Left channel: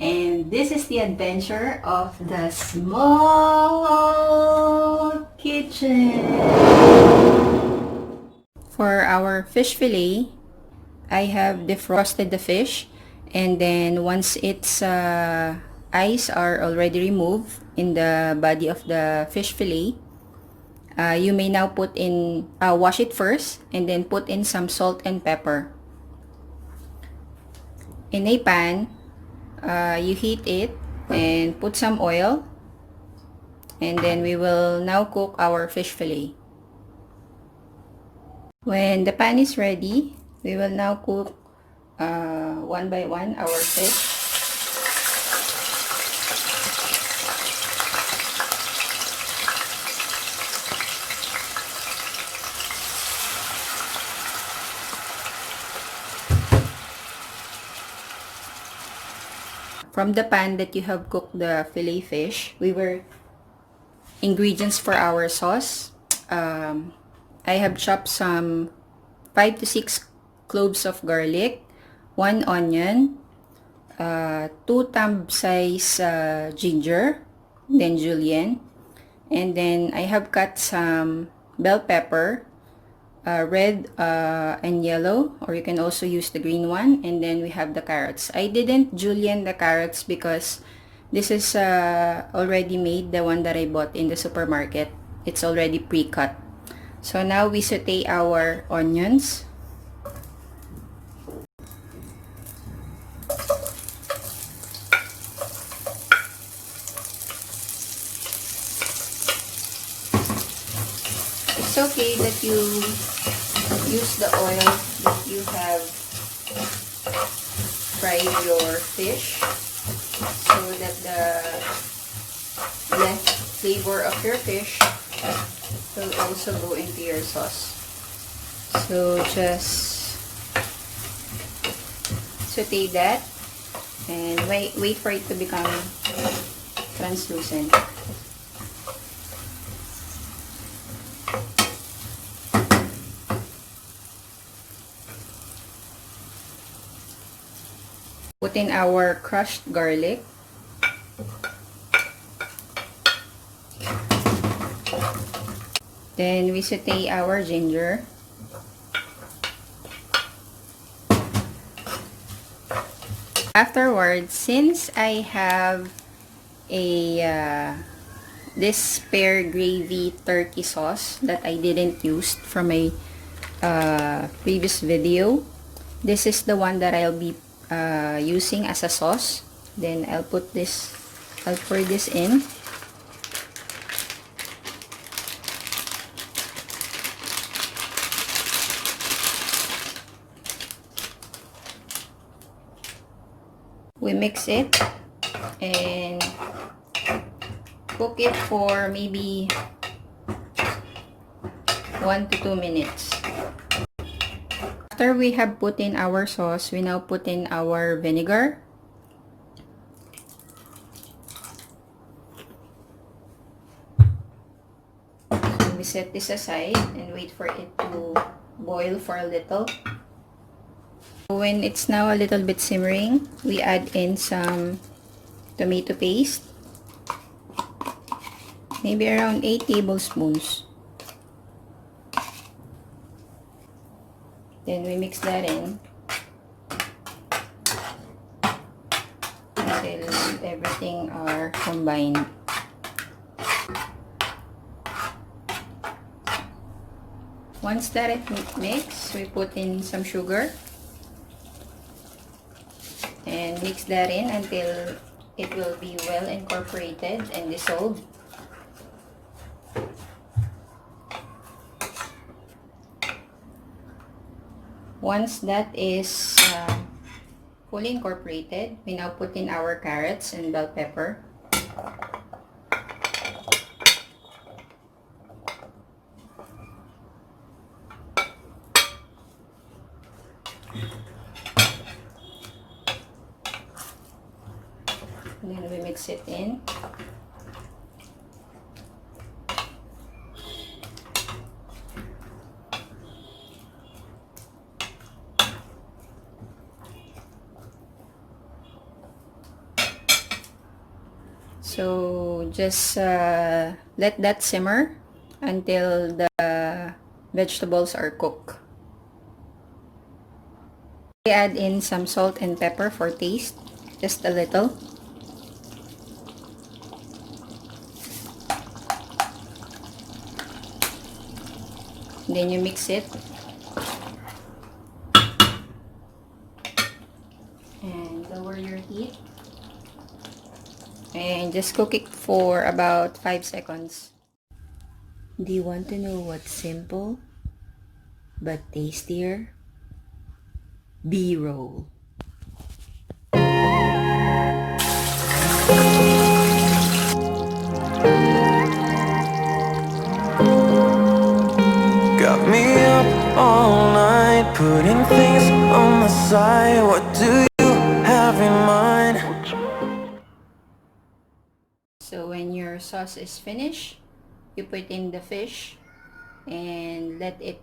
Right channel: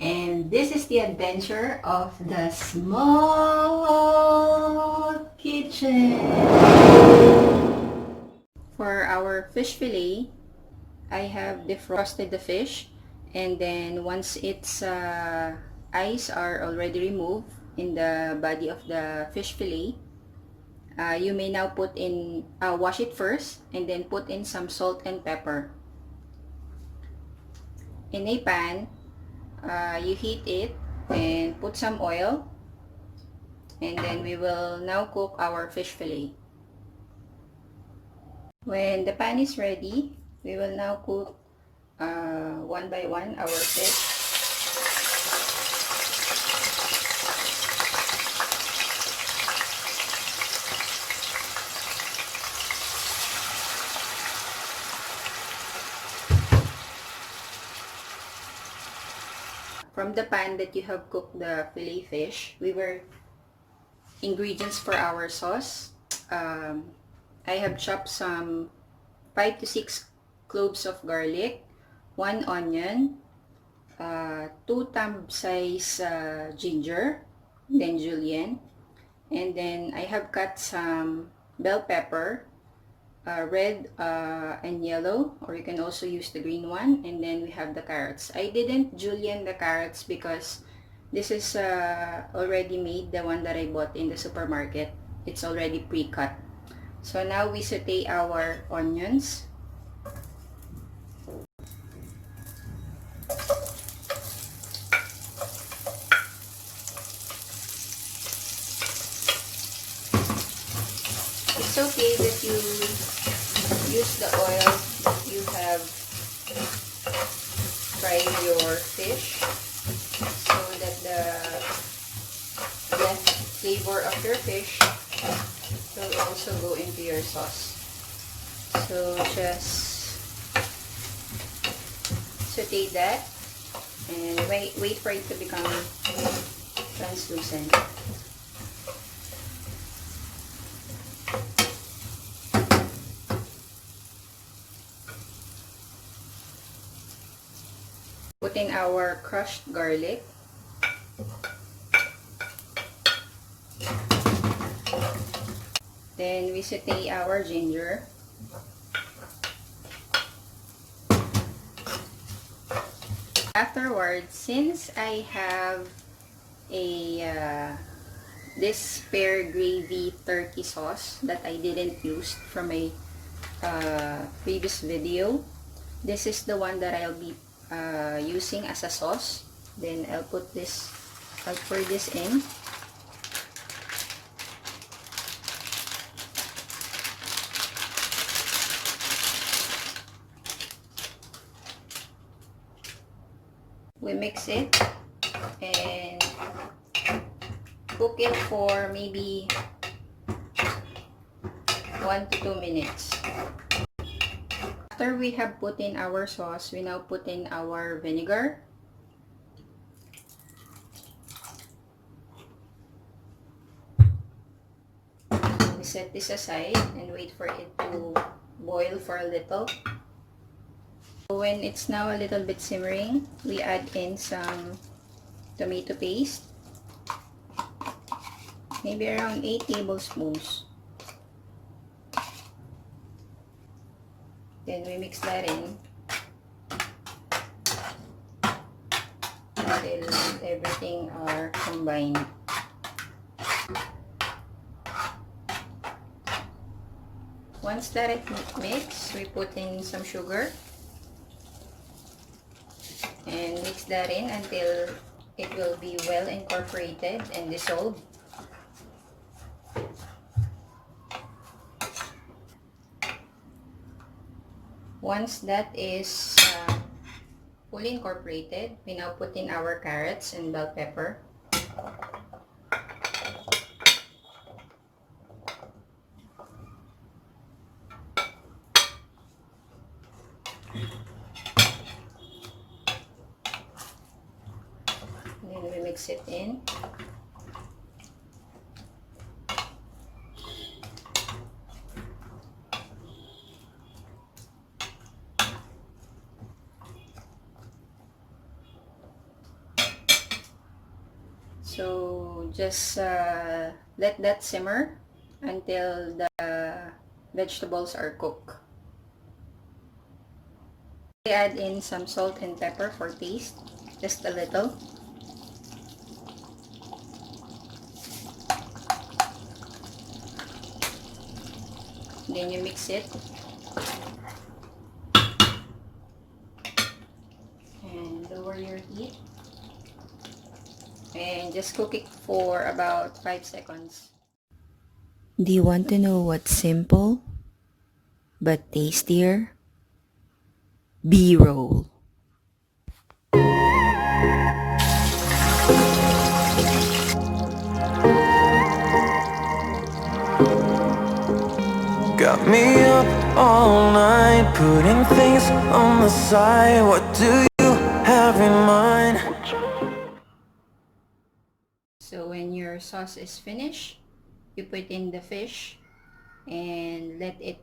and this is the adventure of the small kitchen. For our fish fillet, I have defrosted the fish, and then once its eyes are already removed in the body of the fish fillet, you may now put in, wash it first, and then put in some salt and pepper. In a pan, you heat it and put some oil, and then we will now cook our fish fillet. When the pan is ready, we will now cook one by one our fish. From the pan that you have cooked the fillet fish, ingredients for our sauce. I have chopped some 5 to 6 cloves of garlic, 1 onion, 2 thumb size ginger, then julienne, and then I have cut some bell pepper, red and yellow, or you can also use the green one, and then we have the carrots. I didn't julienne the carrots because this is already made, the one that I bought in the supermarket. It's already pre-cut. So now we saute our onions. It's okay that you use the oil that you have fried your fish, so that the left flavor of your fish will also go into your sauce. So just saute that and wait for it to become translucent. Put in our crushed garlic. Then we saute our ginger. Afterwards, since I have this spare gravy turkey sauce that I didn't use from my previous video, this is the one that I'll be using as a sauce. Then I'll pour this in. We mix it and cook it for maybe 1 to 2 minutes. After we have put in our sauce, we now put in our vinegar. So we set this aside and wait for it to boil for a little. When it's now a little bit simmering, we add in some tomato paste, maybe around 8 tablespoons. Then we mix that in until everything are combined. Once that it mixed, we put in some sugar and mix that in until it will be well incorporated and dissolved. Once that is fully incorporated, we now put in our carrots and bell pepper. And then we mix it in. So just let that simmer until the vegetables are cooked. I add in some salt and pepper for taste, just a little. Then you mix it. And lower your heat. And just cook it for about 5 seconds. Do you want to know what's simple but tastier? B-roll. Got me up all night, putting things on the side. What do you have in mind? So when your sauce is finished, you put in the fish and let it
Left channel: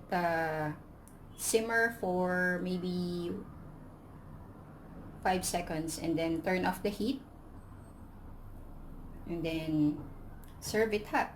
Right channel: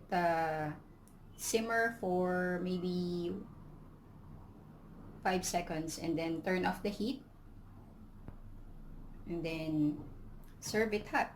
simmer for maybe 5 seconds, and then turn off the heat and then serve it hot.